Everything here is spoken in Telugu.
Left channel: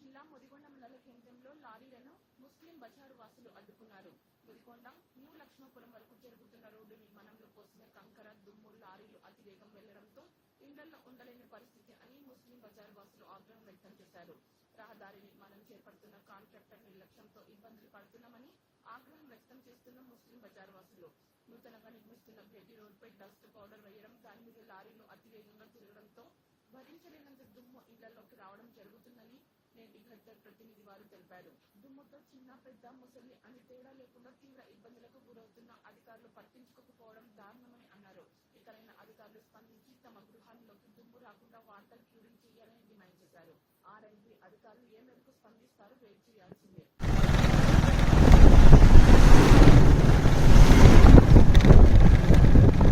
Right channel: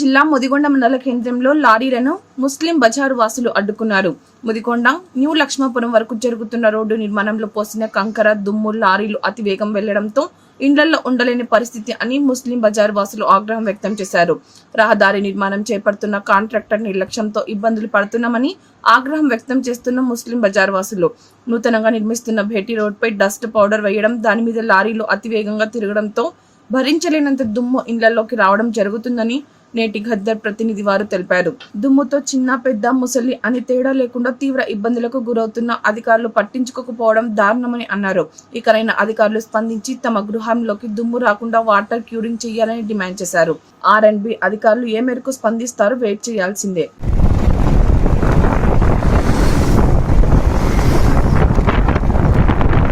జిల్లా ముదిగొండ మండల కేంద్రంలో లారీలను ముస్లిం బజారు వాసులు అడ్డుకున్నారు. ముదిగొండ న్యూ లక్ష్మాపురం వరకు జరుగుతున్న రోడ్డు నిర్మాణంలో పోసిన కంకర దుమ్ము లారీలు అతివేగం వెళ్ళడంతో ఇండ్లలో ఉండలేని పరిస్థితి అని ముస్లిం బజార్ వాసులు ఆగ్రహం వ్యక్తం చేశారు. రహదారి నిర్మాణం చేపడుతున్న కాంట్రాక్టర్ నిర్లక్ష్యంతో ఇబ్బందులు పడుతున్నామని ఆగ్రహం వ్యక్తం చేస్తున్న ముస్లిం బజార్ వాసులు. నూతనంగా నిర్మిస్తున్న భేటీ రోడ్పై డస్ట్ పౌడర్ వేయడం దాని మీద లారీలు అతివేగంగా తిరగడంతో భరించలేనంత దుమ్ము ఇండ్లలోకి రావడం జరుగుతుందని నేటి గద్దర్ ప్రతినిధి వారు తెలిపారు. దుమ్ముతో చిన్న పెద్ద ముసలి అని తేడా లేకుండా తీవ్ర ఇబ్బందులకు గురవుతున్న అధికారులు పట్టించుకోకపోవడం దారుణమని అన్నారు. ఇకనైనా అధికారులు స్పందించి తమ గృహంలోకి దుమ్ము రాకుండా వాటర్ క్యూరింగ్ చేయాలని డిమాండ్ చేశారు. ఆర్ అండ్ బి అధికారులు ఏ మేరకు స్పందిస్తారో వెయిట్ చేయాల్సిందే.